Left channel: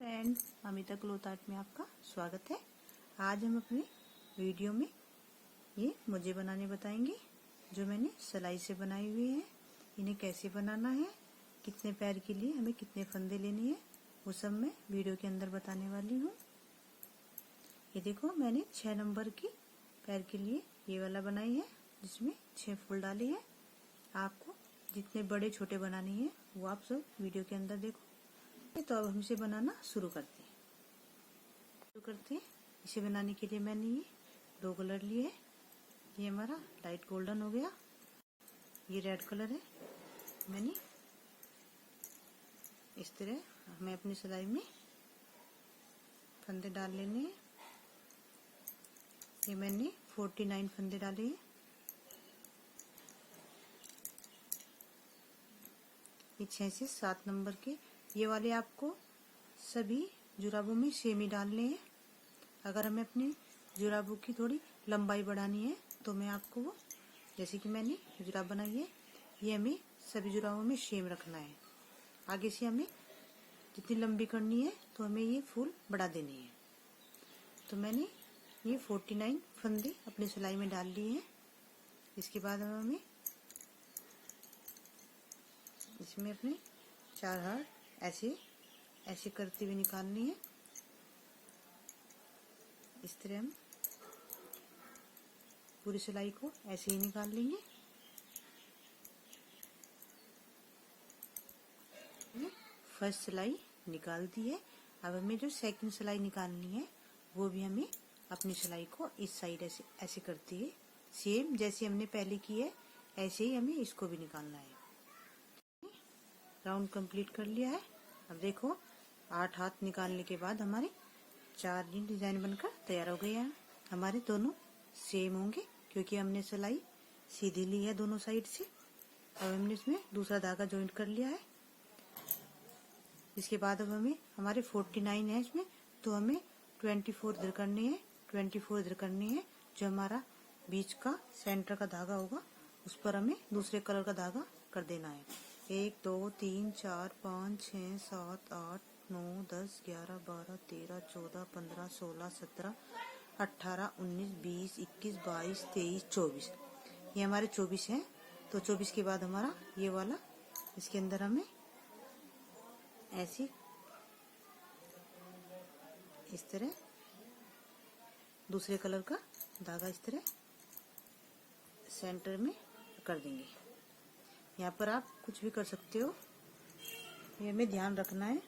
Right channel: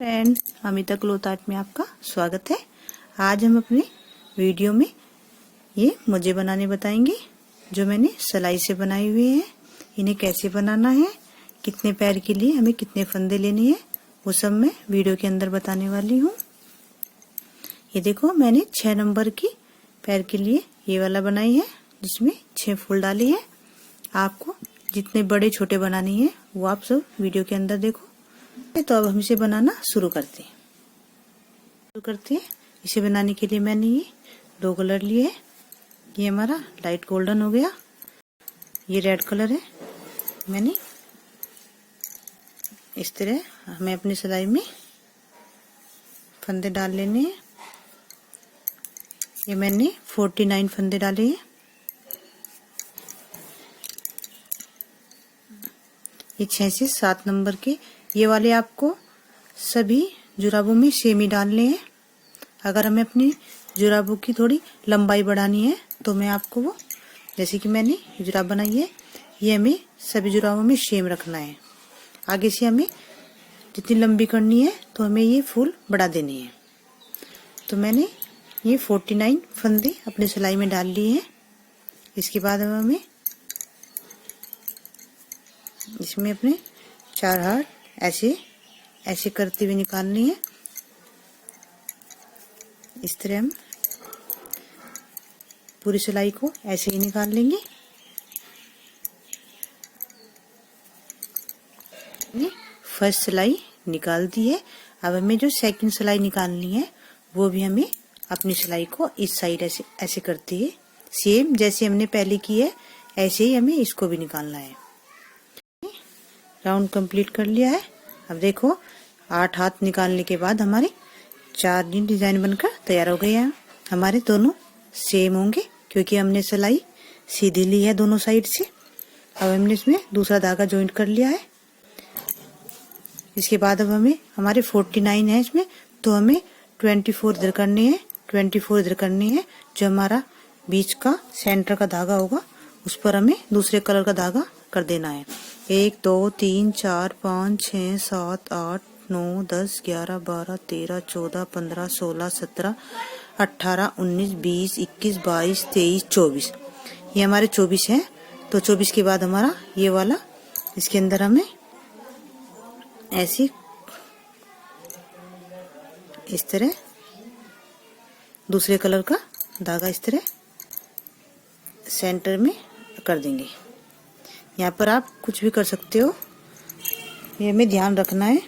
Friend, Amita cloth art में आपका स्वागत है। आज हम अपने वीडियो में ये मोजे बनाने बताएंगे जो मैंने सिलाई से बनाए हुए हैं। इन्हें कैसे बनाना है, कितने पैर के लिए हमें कितने फंदे लेने हैं, वो सब मैं वीडियो के अंदर बताने वाली हूँ। ये देखो, मैंने 6 नंबर की पैर के लिए ये वाला बनाई है जिसमें 6 फूल डाले हैं। आपको जितने बड़े छोटे बनानी है वो आप सब वीडियो के अंदर देखो। तो अब हम इसे बनाना शुरू करते हैं। इसे बनाने के लिए मैंने ये 2 कलर लिए हैं। ये हमारा लाइट गोल्डन हो गया, ये रेड कलर है। मैंने इस तरह हमें अपनी सिलाई में फंदे डाल लेने हैं। ये मैंने 49 फंदे डाले हैं। ये 6 से 7 नंबर के ये वाले आपको सभी जुराबों में सेम ही डालने हैं। अगर हमें अपनी जुराबों की थोड़ी लंबाई बढ़ानी है तो मैं आपको वो, जैसे कि मैंने जुराब बनाई है, ये हमें सभी जुराबों में सेम रखना है। आगे से हमें जितनी लंबी करनी है तो हमें ये फूल बढ़ा देने हैं। तो मैंने ये 49 फंदे अपनी सिलाई में डाल लिए हैं। इसके बाद हमें इसमें अपने 4 हाथ ऐसे करते हुए निकालनी है। इस तरह हम पूरी सिलाई को ऐसे ही निकाल लेंगे। फर्स्ट सिलाई निकाल दी है। अब हमें जो सेकंड सिलाई निकालनी है वो भी हमें अपनी सिलाई को इस साइड ऐसे करते हुए सेम जैसे हमने पहले की है ऐसे ही हमें इसको भी निकालना है। राउंड कंप्लीट कर लिया है। अब देखो, 8 हाथ निकालने के बाद हमारे 4 डिजाइन बनकर तैयार हो गए हैं। हमारे दोनों सेम होंगे क्योंकि हमने सिलाई सीधी ली है दोनों साइड से। अब हमने इसमें दूसरा धागा ज्वाइंट कर लिया है। इसके बाद अब हमें हमारे 49 है इसमें, तो हमें 24 इधर करने हैं, 24 इधर करने हैं। जो हमारा बीच का सेंटर का धागा होगा उस पर हमें दूसरे कलर का धागा कर देना है। 1 2 3 4 5 6 7 8 9 10 11 12 13 14 15 16 17 18 19 20 21 22 23 24। ये हमारे 24 है। तो 24 के बाद हमारा ये वाला, इसके अंदर हमें ऐसे इस तरह दूसरे कलर का धागा इस तरह सेंटर में कर देंगे। यहाँ पर आप कुछ भी कर सकते हो, ये हमें ध्यान रखना है।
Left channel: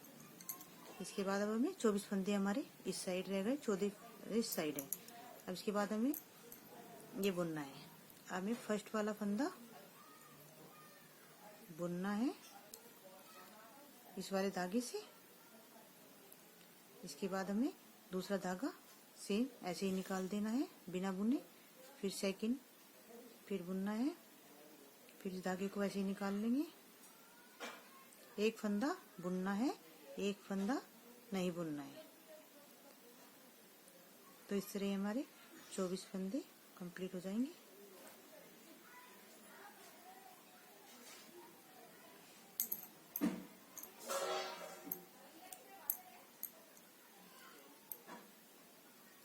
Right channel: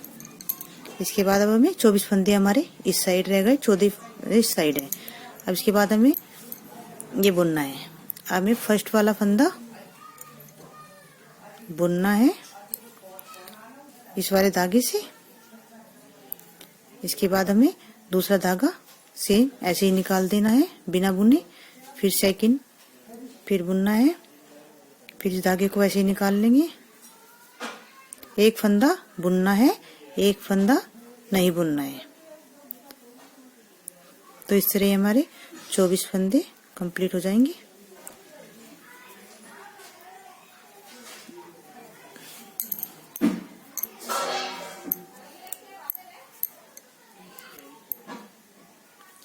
इसके बाद अब हमें 24 फंदे हमारे इस साइड रह गए, 14 इस साइड है। अब इसके बाद हमें ये बुनना है। हमें फर्स्ट वाला फंदा बुनना है इस वाले धागे से। इसके बाद हमें दूसरा धागा सेम ऐसे ही निकाल देना है बिना बुने। फिर सेकंड फिर बुनना है, फिर इस धागे को ऐसे ही निकाल लेंगे। एक फंदा बुनना है, एक फंदा नहीं बुनना है। तो इस तरह हमारे 24 फंदे कंप्लीट हो जाएंगे।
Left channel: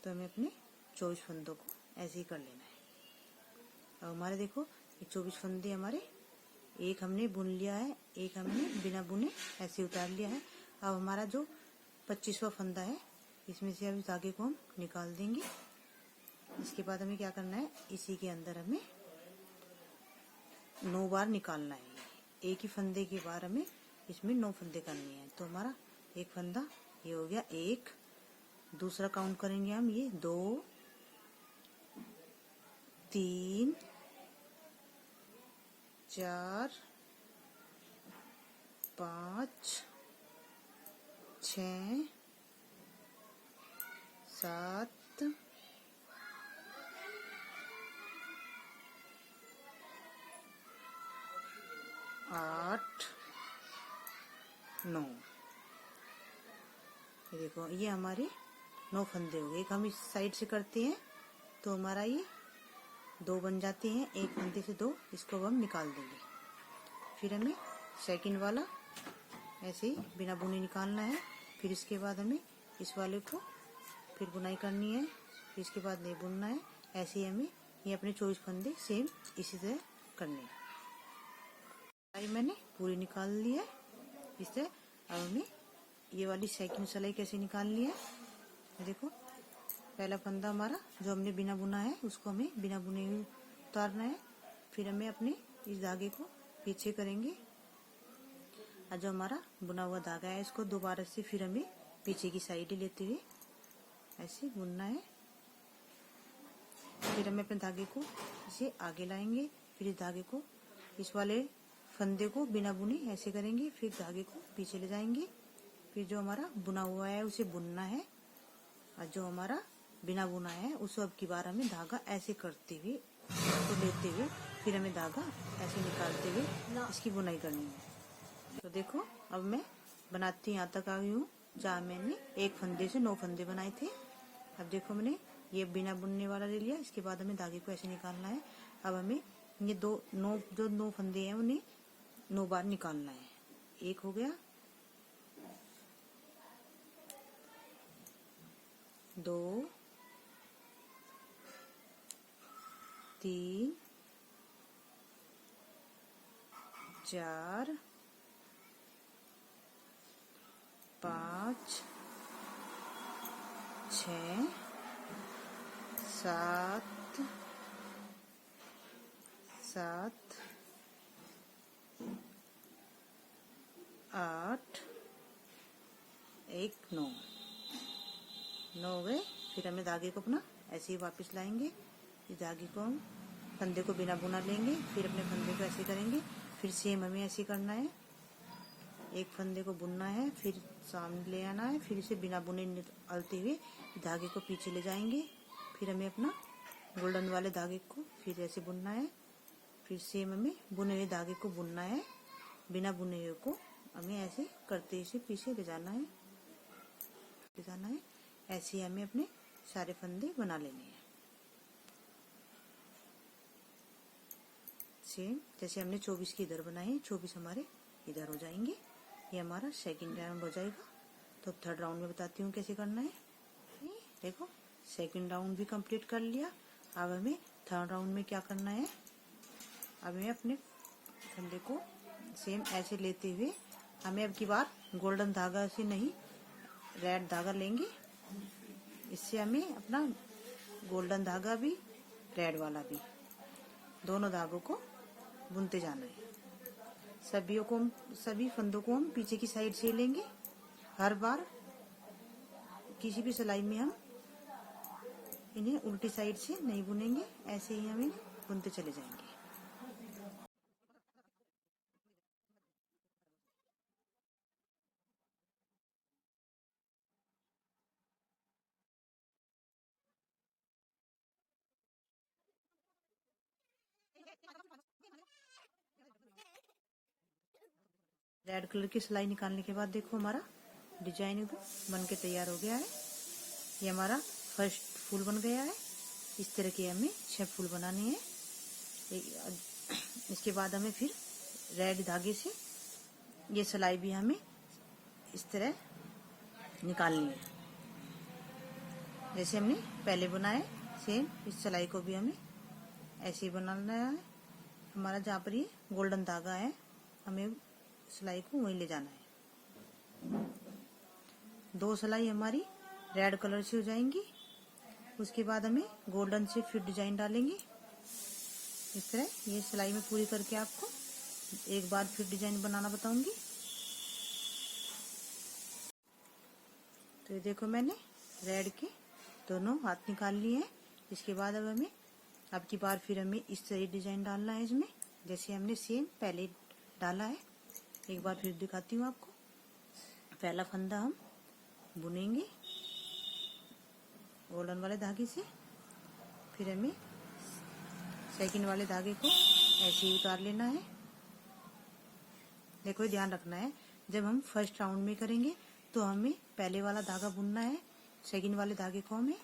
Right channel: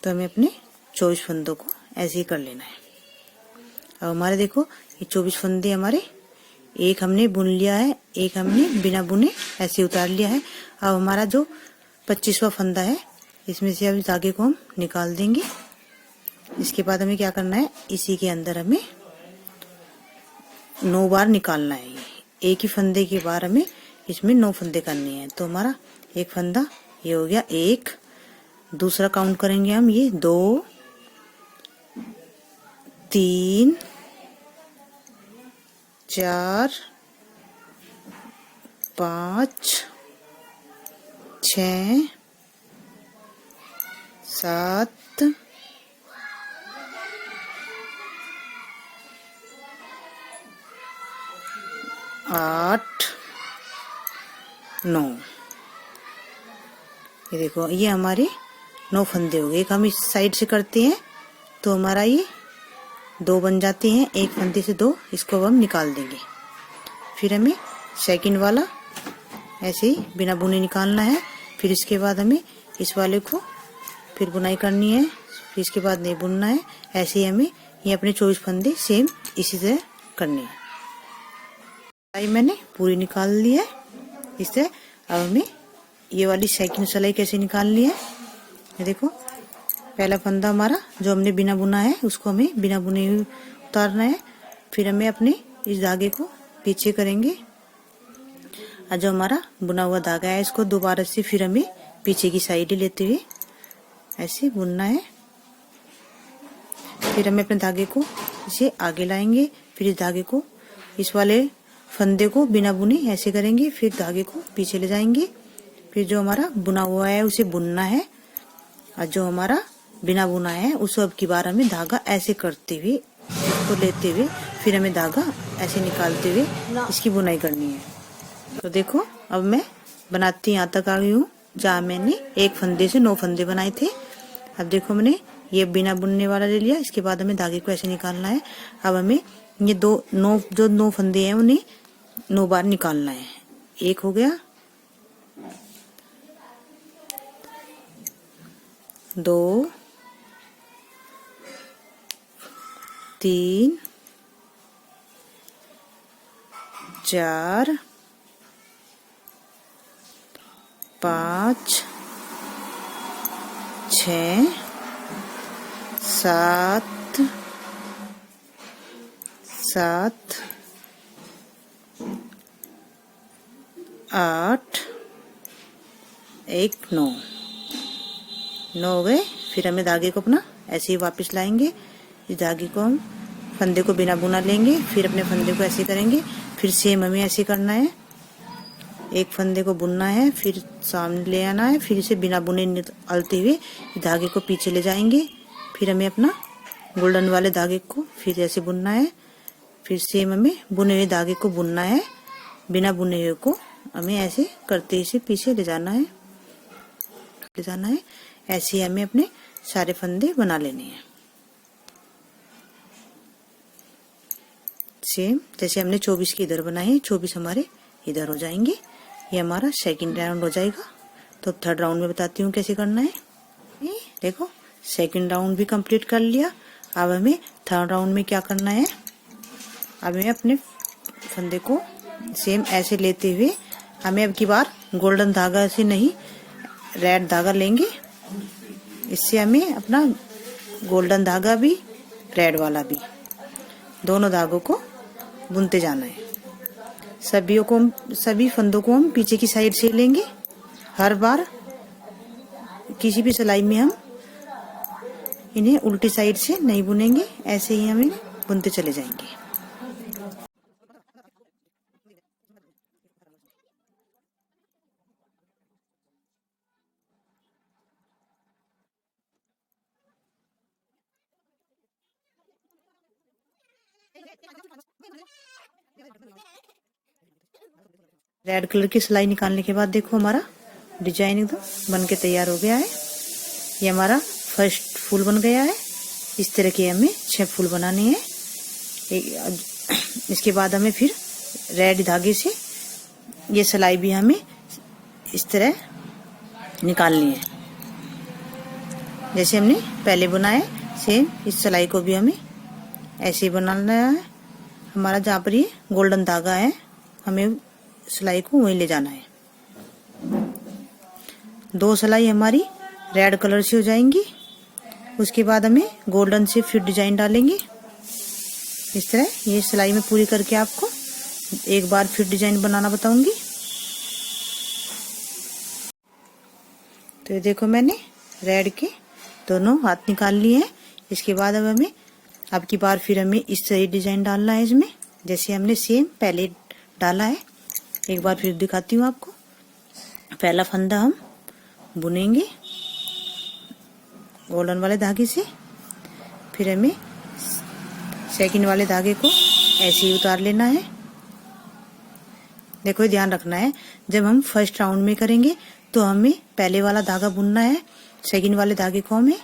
तो हमें अपने 24 फंदों को ऐसे ही कर लेना है। अब हमारे देखो, ये 24 फंदे हमारे एक हमने बुन लिया है, एक हमने बिना बुने ऐसे उतार लिया है। अब हमारा जो 25वां फंदा है इसमें से अब इस धागे को हम निकाल देंगे। इसके बाद हमें क्या करना है, इसी के अंदर हमें 9 बार निकालना है। एक ही फंदे के बार हमें इसमें 9 फंदे करने हैं। तो हमारा एक फंदा ये हो गया, एक। दूसरा काउंट करेंगे हम, ये 2 3 4 5 6 7 8 9। ये देखो, ये हमारे 9 फंदे हो गए। एक हम इस साइड से करते हैं तो हमारा ये 2 बन जाते हैं। एक फंदे से 2, इसको हम निकाल देंगे। फिर हमें सेकंड वाला ऐसे ही बिना बुने निकालना है। फिर इसके बाद हमें इस वाले को फिर बुनाई करनी है, फिर इसके बाद नहीं बुनना है। ऐसे ही हमें ये अपने 24 फंदे सेम इसी तरह करने हैं। सिलाई मैंने पूरी निकाल ली है इस तरह। अब हमें ये वाली सेकंड सिलाई कैसे निकालनी है, ये देखो। पहला फंदा हमारा जो हमने बिना बुना है उसको हमें बिना बुने हुए उतारना है। फिर हमें अपने इस धागे को पीछे करेंगे और जो हमारा बुना हुआ धागा है इसको दोबारा से फिर हमें पीछे की साइड लेते हुए ऐसे बुनना है। फिर हमें अपने धागे को इसे आगे लाएंगे, फिर इस धागे को इस वाले फंदे को बिना बुने ऐसे करेंगे, फिर धागे को पीछे ले जाएंगे। फिर जो हमारा बुना हुआ है उसे बुनना है और जो हमारा बिना बुना है उसको अब की बार हमें धागा ऐसे करते हुए इसको लेते हुए फिर हमें धागा ऐसे निकालते हुए इसकी बुनाई करनी है। तो देखो अब मैं बनाती यहाँ तक आ गई हूँ जहाँ मैंने एक फंदे से 9 फंदे बनाए थे। अब देखो मैंने ये बिना बुनने वाला ले लिया। इसके बाद हमें धागे को ऐसे निकालना है। अब हमें ये जो 9 फंदे हैं उन्हें 9 बार निकालना है। एक हो गया, 2, 3, 4, 5, 6, 7, 8, 1, 9 हो गए। फिर हमें धागे को अपना ऐसे ही वापस लाएंगे। इस धागे को हम फंदे को बिना बुना लेंगे, फिर अपने फंदे को ऐसे करेंगे। फिर सेम हमें ऐसे करना है, एक फंदे को बुनना है, फिर सामने ले आना है, फिर इसे बिना बुने निकालते हुए धागे को पीछे ले जाएंगे। फिर हमें अपना गोल्डन वाले धागे को फिर ऐसे बुनना है। फिर सेम हमें बुने हुए धागे को बुनना है, बिना बुने हुए को हमें ऐसे करते इसे पीछे ले जाना है। ऐसे ही हमें अपने सारे फंदे बना लेने हैं। सेम जैसे हमने 24 के इधर बनाए हैं, 24 हमारे इधर हो जाएंगे। ये हमारा सेकंड राउंड हो जाएगा। तो थर्ड राउंड में बताती हूँ कैसे करना है। देखो सेकंड राउंड भी कंप्लीट कर लिया। अब हमें थर्ड राउंड में क्या करना है, अब हमें अपने फंदे को सेम ऐसे लेते हुए हमें अब की बार गोल्डन धागा से नहीं रेड धागा लेंगे। इससे हमें अपना गोल्डन धागा भी रेड वाला भी दोनों धागों को बुनते जाना है। सभी फंदों को हम पीछे की साइड से लेंगे। हर बार किसी भी सिलाई में हम इन्हें उल्टी साइड से नहीं बुनेंगे, ऐसे ही हमें बुनते चले जाएंगे। रेड कलर की सिलाई निकालने के बाद देखो हमारा डिजाइन एकदम बन के तैयार हो गया है। ये हमारा फर्स्ट फूल बन गया है। इस तरह के हमें 6 फूल बनाने हैं। इसके बाद हमें फिर रेड धागे से ये सिलाई भी हमें इस तरह निकालनी है जैसे हमने पहले बनाया। सेम इस सिलाई को भी हमें ऐसे ही बनाना है। हमारा जहाँ पर ये गोल्डन धागा है हमें सिलाई को वहीं ले जाना है। 2 सिलाई हमारी रेड कलर से हो जाएंगी। उसके बाद हमें गोल्डन से फिर डिजाइन डालेंगे इस तरह। ये सिलाई में पूरी करके आपको एक बार फिर डिजाइन बनाना बताऊंगी। तो ये देखो मैंने रेड के दोनों हाथ निकाल लिए हैं। इसके बाद अब हमें अब की बार फिर हमें इस तरह डिजाइन डालना है इसमें, जैसे हमने सेम पहले डाला है। एक बार फिर दिखाती हूँ आपको। पहला फंदा हम बुनेंगे गोल्डन वाले धागे से, फिर हमें सेकंड वाले धागे को ऐसे ही उतार लेना है। देखो ध्यान रखना है, जब हम फर्स्ट राउंड में करेंगे तो हमें पहले वाला धागा बुनना है, सेकंड वाले धागे को हमें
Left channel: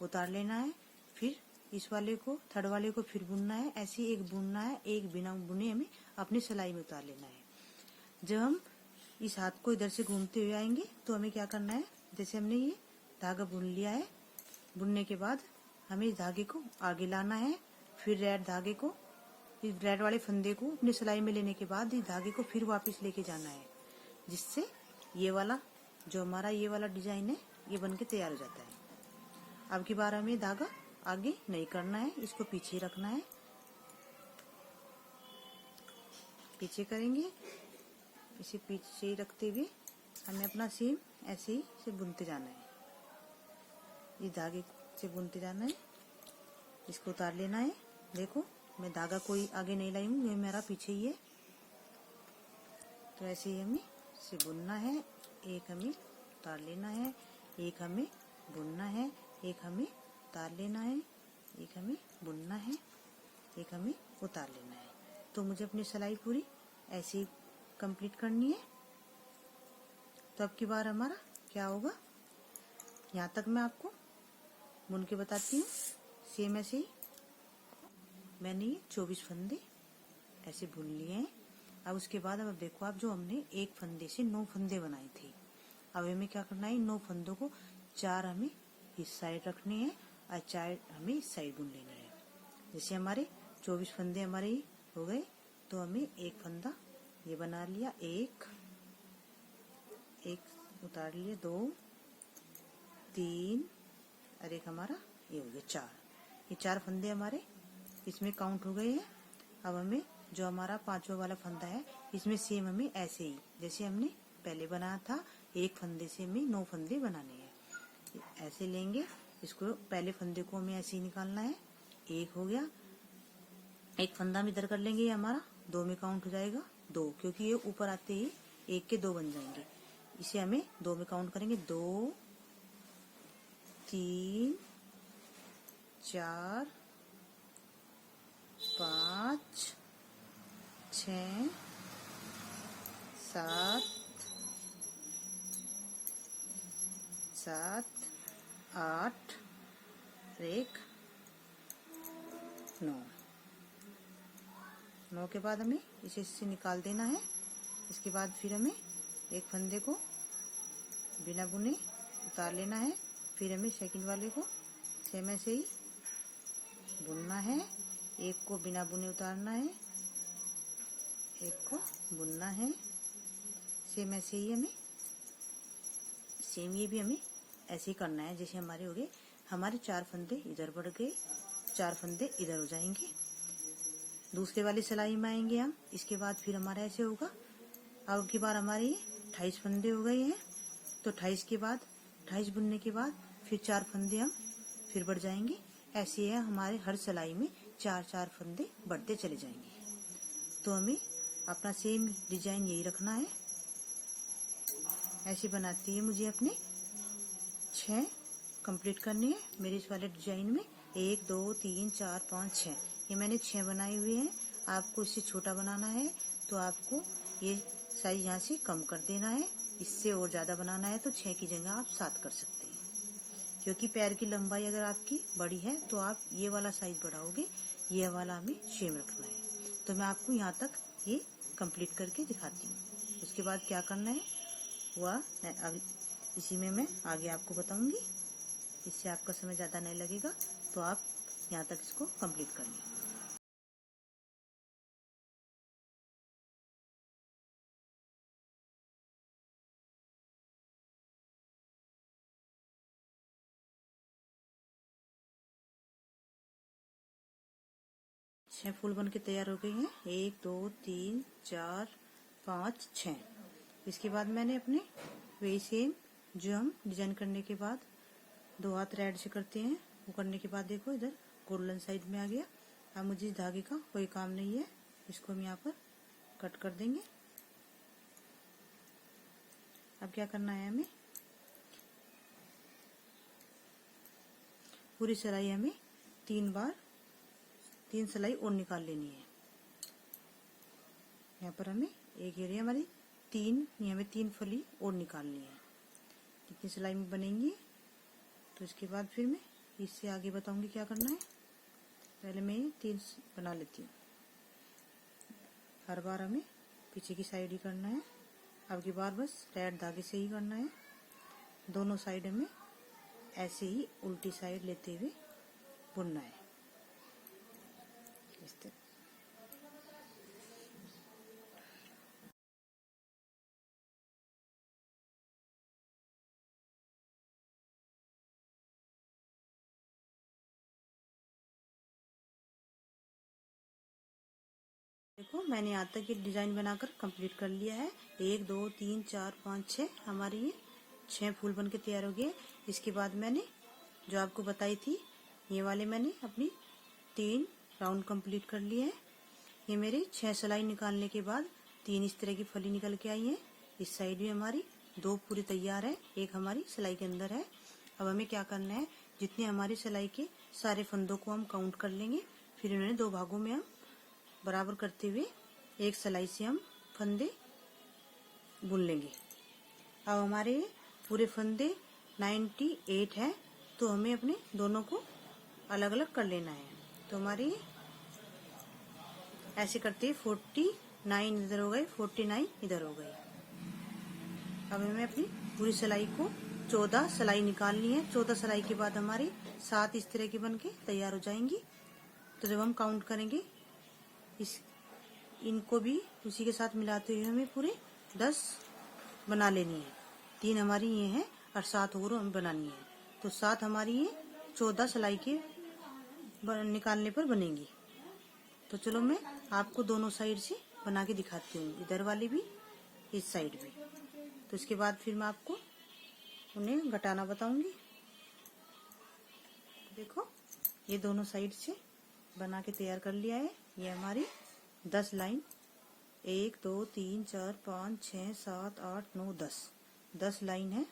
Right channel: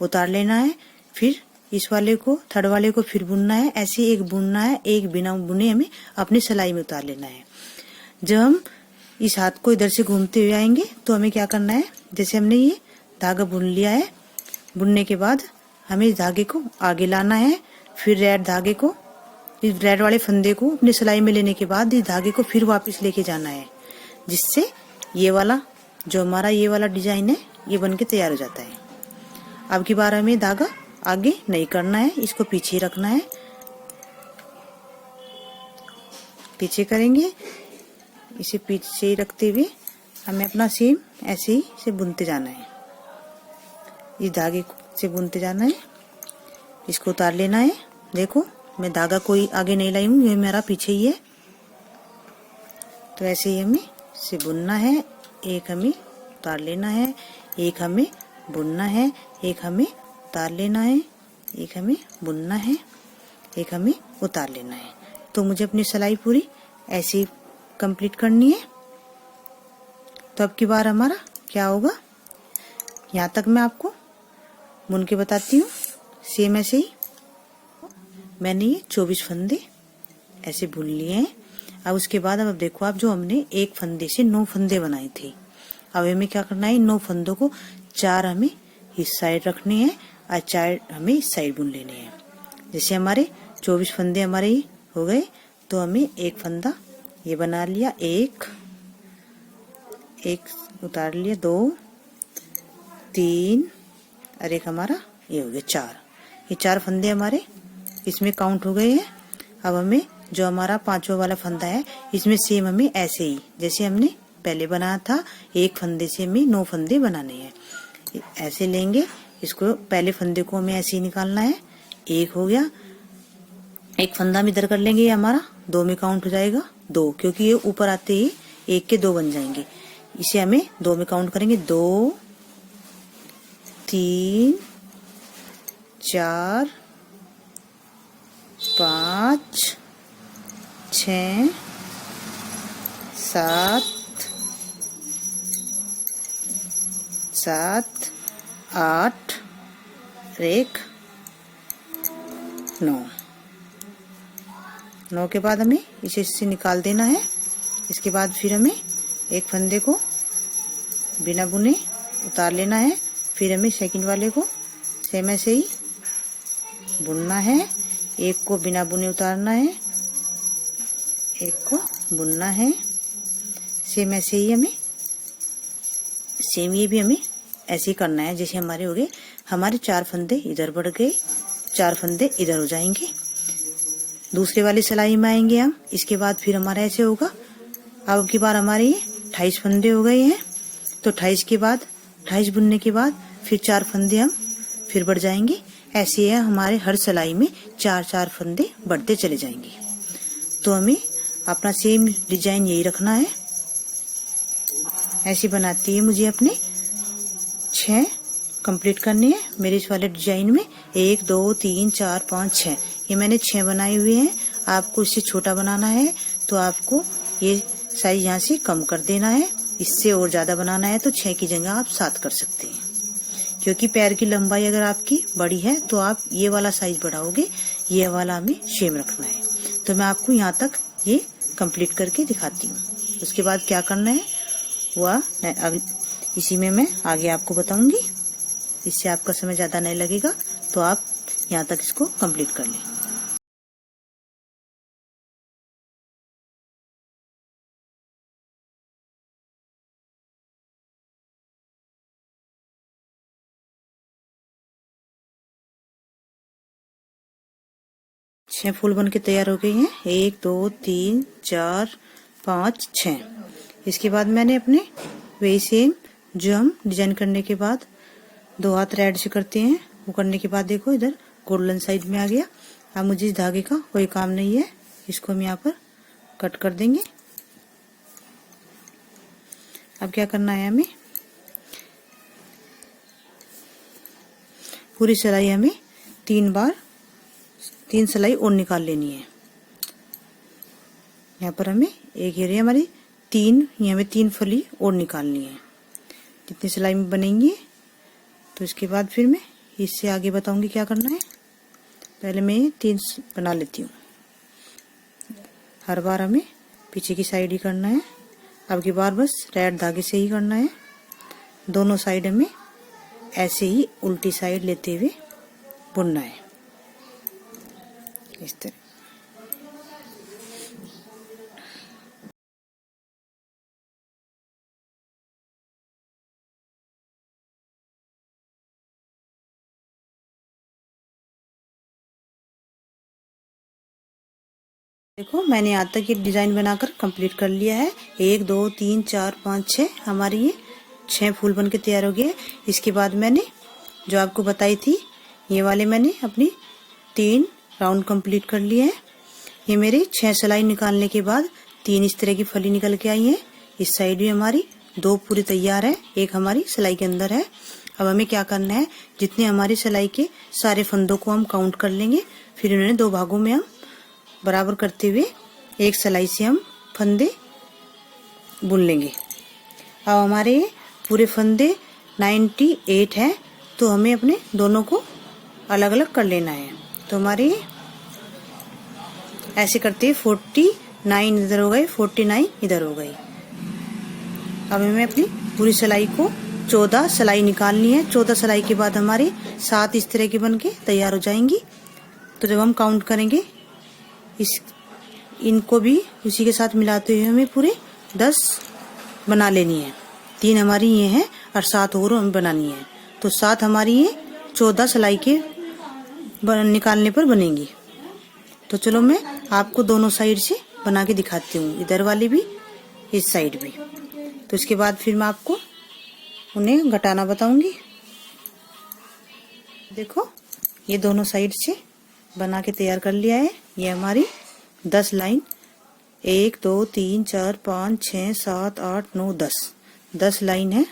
उतार लेना है, फिर इस वाले को थर्ड वाले को फिर बुनना है। ऐसे एक बुनना है, एक बिना बुने हमें अपनी सिलाई में उतार लेना है। जब हम इस हाथ को इधर से घूमते हुए आएंगे। तो हमें क्या करना है, जैसे हमने ये धागा बुन लिया है, बुनने के बाद हमें इस धागे को आगे लाना है। फिर रेड धागे को, इस रेड वाले फंदे को अपनी सिलाई में लेने के बाद इस धागे को फिर वापस लेके जाना है, जिससे ये वाला जो हमारा ये वाला डिजाइन है ये बन के तैयार हो जाता है। अब की बार हमें धागा आगे नहीं करना है, इसको पीछे ही रखना है। पीछे करेंगे, इसे पीछे ही रखते हुए हमें अपना सेम ऐसे ही से बुनते जाना है। इस धागे से बुनते जाना है, इसको उतार लेना है। देखो मैं धागा कोई आगे नहीं लाई हूँ, ये मेरा पीछे ही है। तो ऐसे ही हमें इसे बुनना है। एक हमें उतार लेना है, एक हमें बुनना है, एक हमें उतार लेना है, एक हमें बुनना है, एक हमें उतार लेना है। तो मुझे अपनी सिलाई पूरी ऐसे ही कंप्लीट करनी है। तो अब की बार हमारा क्या होगा, यहाँ तक मैं आपको बुन के बताती हूँ। सेम ऐसे ही मैंने ये 24 फंदे ऐसे बुन लिए हैं। अब उसके बाद अब देखो, आप जो हमने एक फंदे से 9 फंदे बनाए थे, अब हमें क्या करना है, 9 फंदों को 4 हमें इस साइड रखने हैं और 4 हमें इस साइड बुन लेने हैं। जैसे हमारे 24 फंदे हमारे ये हो गए, तो हमें एक फंदा ये बना लिया, एक उतार लिया, 2 3 और एक हमारा ये हो गया 4। ये 4 फंदे हमारे इसमें काउंट हो गए हैं। अब हमें जो हमारा 5वां वाला फंदा है, इसमें सेम हमें ऐसे ही जैसे हमने पहले बनाया था, एक फंदे से हमें 9 फंदे बनाने हैं। ऐसे लेंगे, इसको पहले फंदे को हमें ऐसे ही निकालना है। एक हो गया, एक फंदा हम इधर कर लेंगे, ये हमारा 2 में काउंट हो जाएगा, 2, क्योंकि ये ऊपर आते ही 1 के 2 बन जाएंगे। इसे हमें 2 में काउंट करेंगे, 2 3 4 5 6 7 8 और एक 9। 9 के बाद हमें इसे इससे निकाल देना है। इसके बाद फिर हमें एक फंदे को बिना बुने उतार लेना है। फिर हमें सेकंड वाले को सेम ऐसे ही बुनना है, एक को बिना बुने उतारना है, एक को बुनना है। सेम ऐसे ही हमें सेम ये भी हमें ऐसे ही करना है। जैसे हमारे हो गए, हमारे 4 फंदे इधर बढ़ गए, 4 फंदे इधर हो जाएंगे। दूसरे वाली सिलाई में आएंगे हम। इसके बाद फिर हमारा ऐसे होगा। अब की बार हमारे ये 28 फंदे हो गए हैं। तो 28 के बाद 28 बुनने के बाद फिर 4 फंदे हम फिर बढ़ जाएंगे। ऐसे है हमारे हर सिलाई में 4-4 फंदे बढ़ते चले जाएंगे। तो हमें अपना सेम डिजाइन यही रखना है। ऐसे बनाती है मुझे अपने 6 कंप्लीट करने हैं मेरे इस वाले डिजाइन में। 1 2 3 4 5 6 ये मैंने 6 बनाए हुए हैं। आपको इससे छोटा बनाना है तो आपको ये साइज यहाँ से कम कर देना है। इससे और ज्यादा बनाना है तो 6 की जगह आप 7 कर सकते हैं, क्योंकि पैर की लंबाई अगर आपकी बड़ी है तो आप ये वाला साइज बढ़ाओगे, ये वाला हमें सेम रखना है। तो मैं आपको यहाँ तक ये कंप्लीट करके दिखाती हूँ। उसके बाद क्या करना है वह इसी में मैं आगे आपको बताऊंगी। इससे आपका समय ज्यादा नहीं लगेगा, तो आप यहाँ तक इसको कंप्लीट कर लें। छह फूल बन के तैयार हो गए हैं। 1 2 3 4 5 6। इसके बाद मैंने अपने वही सेम जो हम डिजाइन करने के बाद 2 हाथ ऐड से करते हैं, वो करने के बाद देखो इधर गोल्डन साइड में आ गया। अब मुझे इस धागे का कोई काम नहीं है, इसको हम यहाँ पर कट कर देंगे। अब क्या करना है, हमें पूरी सिलाई हमें 3 सिलाई और निकाल लेनी है। यहाँ पर हमें एक एरिया हमारी 3 ये हमें 3 फली और निकालनी है जितनी सिलाई में बनेंगी। तो इसके बाद फिर मैं इससे आगे बताऊंगी क्या करना है। पहले मैं 3 बना लेती हूँ। हर बार हमें पीछे की साइड ही करना है। अब की बार बस रेड धागे से ही करना है। दोनों साइड में ऐसे ही उल्टी साइड लेते हुए बुनना है, इस तरह। देखो मैंने यहाँ तक ये डिजाइन बनाकर कंप्लीट कर लिया है। 1 2 3 4 5 6 हमारे ये 6 फूल बन के तैयार हो गए। इसके बाद मैंने जो आपको बताई थी ये वाले मैंने अपनी 3 राउंड कंप्लीट कर लिए हैं। ये मेरे 6 सिलाई निकालने के बाद 3 इस तरह की फली निकल के आई है। इस साइड भी हमारी 2 पूरी तैयार है, एक हमारी सिलाई के अंदर है। अब हमें क्या करना है, जितने हमारी सिलाई के सारे फंदों को हम काउंट कर लेंगे, फिर इन्हें 2 भागों में हम बराबर करते हुए एक सिलाई से हम फंदे बुन लेंगे। अब हमारे पूरे फंदे 98 हैं, तो हमें अपने दोनों को अलग अलग कर लेना है। तो हमारे ऐसे करते हैं 49 इधर हो गए, 49 इधर हो गई। अब हमें अपनी पूरी सिलाई को 14 सिलाई निकालनी है। 14 सिलाई के बाद हमारे 7 इस तरह की बन के तैयार हो जाएंगी। तो जब हम काउंट करेंगे इनको भी उसी के साथ मिलाते हुए हमें पूरे 10 बना लेनी है। 3 हमारी ये हैं और 7 और हमें बनानी है। तो 7 हमारी ये 14 सिलाई के निकालने पर बनेंगी। तो चलो मैं आपको दोनों साइड से बना के दिखाती हूँ, इधर वाली भी इस साइड भी। तो इसके बाद फिर मैं आपको उन्हें घटाना बताऊंगी। देखो ये दोनों साइड से बना के तैयार कर लिया है। ये हमारी 10 लाइन 1 2 3 4 5 6 7 8 9 10 लाइन है।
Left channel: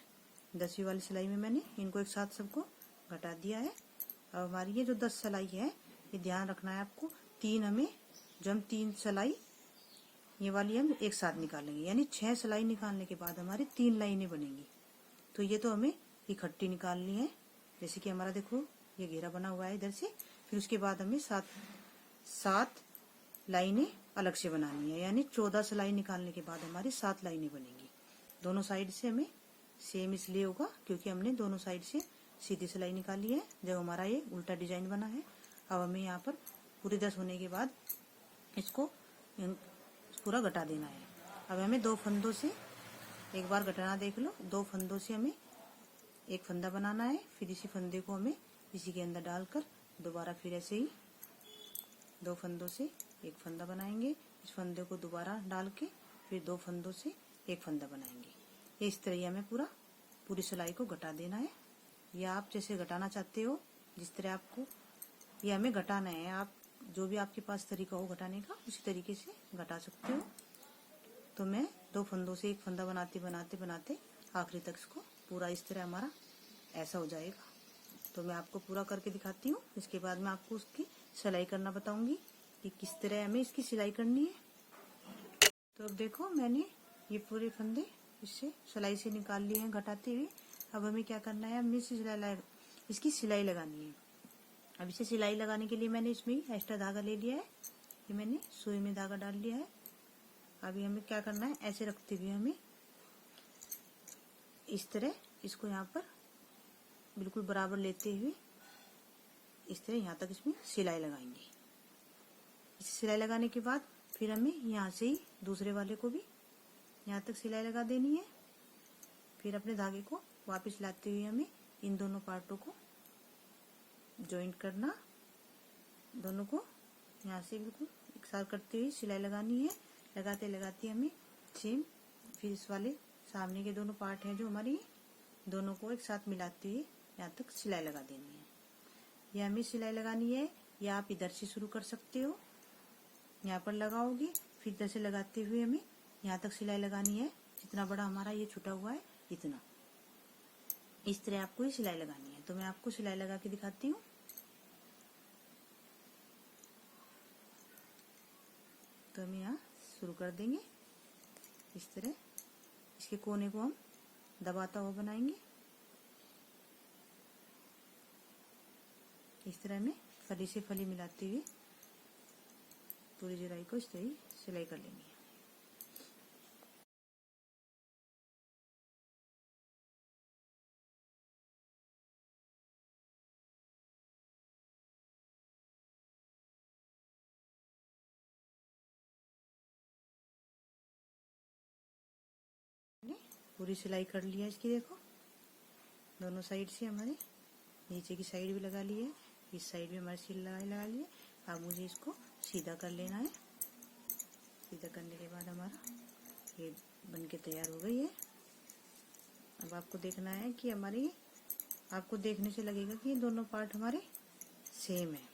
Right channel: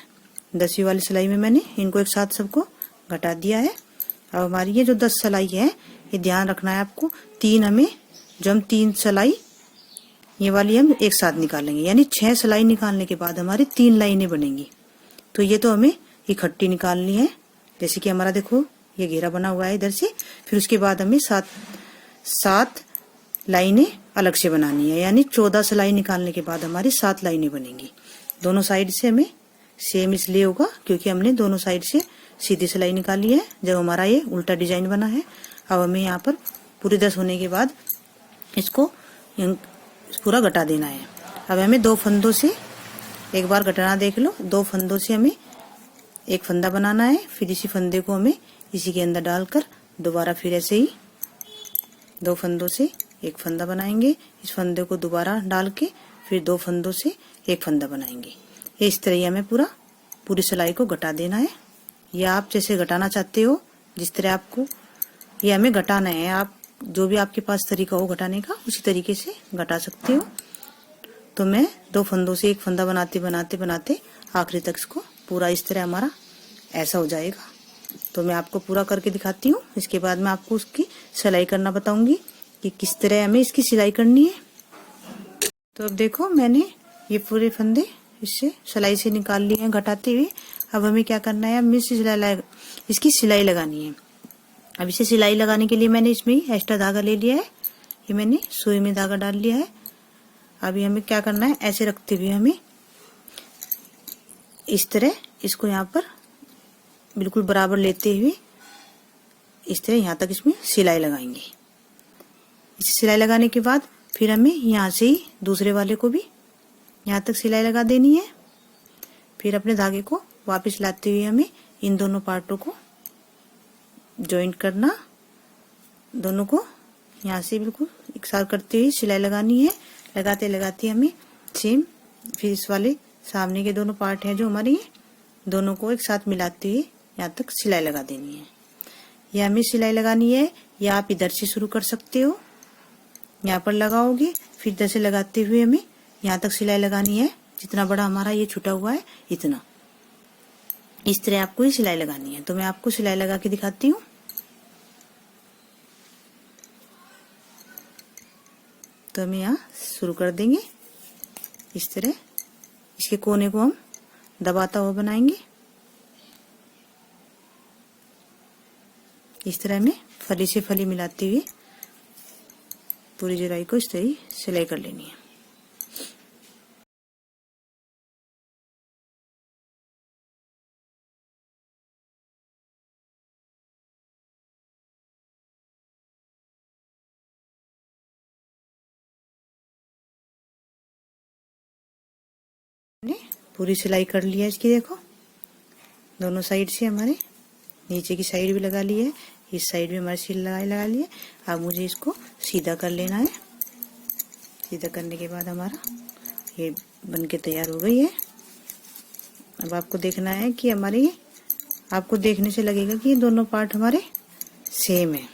10वीं वाली सिलाई में मैंने इनको एक साथ सबको घटा दिया है। अब हमारी ये जो 10 सिलाई है, ये ध्यान रखना है आपको, 3 हमें जो हम 3 सिलाई ये वाली हम एक साथ निकालेंगे, यानी 6 सिलाई निकालने के बाद हमारी 3 लाइनें बनेंगी। तो ये तो हमें इकट्ठी निकालनी है। जैसे कि हमारा देखो ये घेरा बना हुआ है इधर से, फिर उसके बाद हमें 7 लाइनें अलग से बनानी है, यानी 14 सिलाई निकालने के बाद हमारी 7 लाइनें बनेंगी। दोनों साइड से हमें सेम इसलिए होगा क्योंकि हमने दोनों साइड से सीधी सिलाई निकाली है जब हमारा ये उल्टा डिजाइन बना है। अब हमें यहाँ पर पूरी 10 होने के बाद इसको पूरा घटा देना है। अब हमें 2 फंदों से एक बार घटाना देख लो, 2 फंदों से हमें एक फंदा बनाना है। फिर इसी फंदे को हमें इसी के अंदर डालकर दोबारा फिर ऐसे ही 2 फंदों से एक फंदा बनाएंगे। इस फंदे को दोबारा डाल के फिर 2 फंदों से एक फंदा बनाएंगे। इस तरह हमें पूरी सिलाई को घटा देना है। या आप जैसे घटाना चाहते हो, जिस तरह आपको ये हमें घटाना है, आप जो भी आपके पास तरीका हो घटाने का उसी तरीके से घटा सकते हो। तो मैं 2 फंदों से एक फंदा बनाते बनाते बनाते आखिरी तक इसको पूरा इस तरह हमारा ऐसा हो जाएगा। तो मैं आपको पूरा करके दिखाती हूँ। इसके बाद मैं आपको उसकी सिलाई करना बताऊंगी कि किस तरह हमें इसकी सिलाई करनी है। तो अब देखो मैंने ये पूरे फंदे इससे सिलाई से निकाल लिए हैं घटाते हुए। अब हमें क्या करना है, हमें इसकी सिलाई लगानी है। अब इसे सिलाई लगाने के लिए मैंने इसमें एक्स्ट्रा धागा ले लिया है। ये मैंने सुई में धागा डाल लिया है। अभी हमें क्या करना है, ऐसे रखते हुए हमें इस तरह इसको यहाँ पर बिल्कुल बराबर लेते हुए इस तरह यहाँ तक इसमें सिलाई लगाएंगे। इसे सिलाई लगाने के बाद फिर हमें यहाँ से ही दूसरे वाले को भी यहाँ तक सिलाई लगा देनी है। फिर अपने धागे को वापस लाते हुए हमें इन दोनों पार्टों को जॉइंट करना, दोनों को यहाँ से बिल्कुल एक साथ करते हुए सिलाई लगानी है। लगाते लगाते हमें सेम फिर इस वाले सामने के दोनों पार्ट हैं जो हमारे, दोनों को एक साथ मिलाते हुए यहाँ तक सिलाई लगा देनी है। यह हमें सिलाई लगानी है, या आप इधर से शुरू कर सकते हो, यहाँ पर लगाओगे फिर इधर से लगाते हुए हमें यहाँ तक सिलाई लगानी है। जितना बड़ा हमारा ये छुटा हुआ है इतना, इस तरह आपको ये सिलाई लगानी है। तो मैं आपको सिलाई लगा के दिखाती हूँ। तो हम यहाँ शुरू कर देंगे इस तरह। इसके कोने को हम दबाता हुआ बनाएंगे। इस तरह में फली से फली मिलाते हुए पूरी जराई को इस तरह सिलाई कर लेनी है। मैंने पूरी सिलाई कर लिया इसकी, देखो दोनों साइड से हमारे नीचे की साइड भी लगा ली है, इस साइड भी हमारी सिलाई लगा ली है। अब मुझे इसको सीधा कर लेना है। सीधा करने के बाद हमारा ये बनके तैयार हो गई है। अब आपको देखना है कि हमारी, आपको देखने से लगेगा कि ये दोनों पार्ट हमारे सेम है,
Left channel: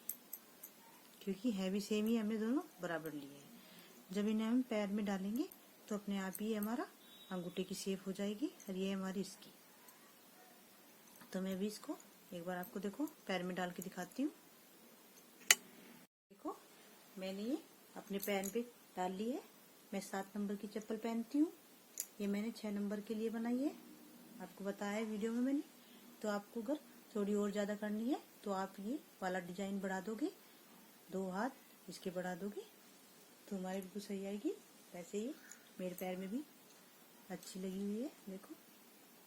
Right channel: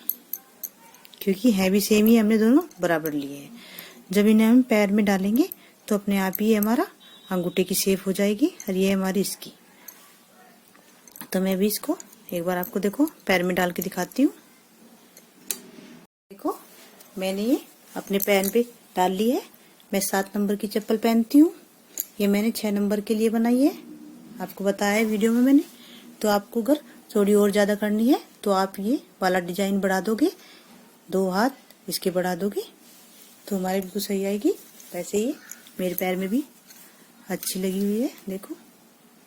क्योंकि है भी सेम ही, हमने दोनों बराबर लिए हैं। जब इन्हें हम पैर में डालेंगे तो अपने आप ही हमारा अंगूठे की शेप हो जाएगी और ये हमारी इसकी। तो मैं भी इसको एक बार आपको देखो पैर में डाल के दिखाती हूँ। देखो मैंने ये अपने पैर पे डाल ली है। मैं 7 नंबर की चप्पल पहनती हूँ, ये मैंने 6 नंबर के लिए बनाई है, आपको बताया है वीडियो में मैंने। तो आपको अगर थोड़ी और ज़्यादा करनी है तो आप ये वाला डिजाइन बढ़ा दोगे, 2 हाथ इसके बढ़ा दोगे तो हमारे बिल्कुल सही आएगी। वैसे ही मेरे पैर में भी अच्छी लगी हुई है, देखो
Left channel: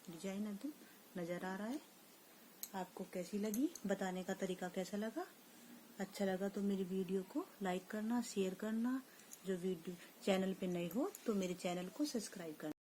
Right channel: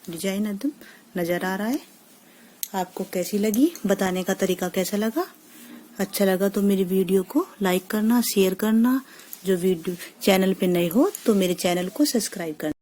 डिजाइन एकदम नज़र आ रहा है। आपको कैसी लगी, बताने का तरीका कैसा लगा? अच्छा लगा तो मेरी वीडियो को लाइक करना, शेयर करना। जो वीडियो चैनल पे नए हो तो मेरे चैनल को सब्सक्राइब करना।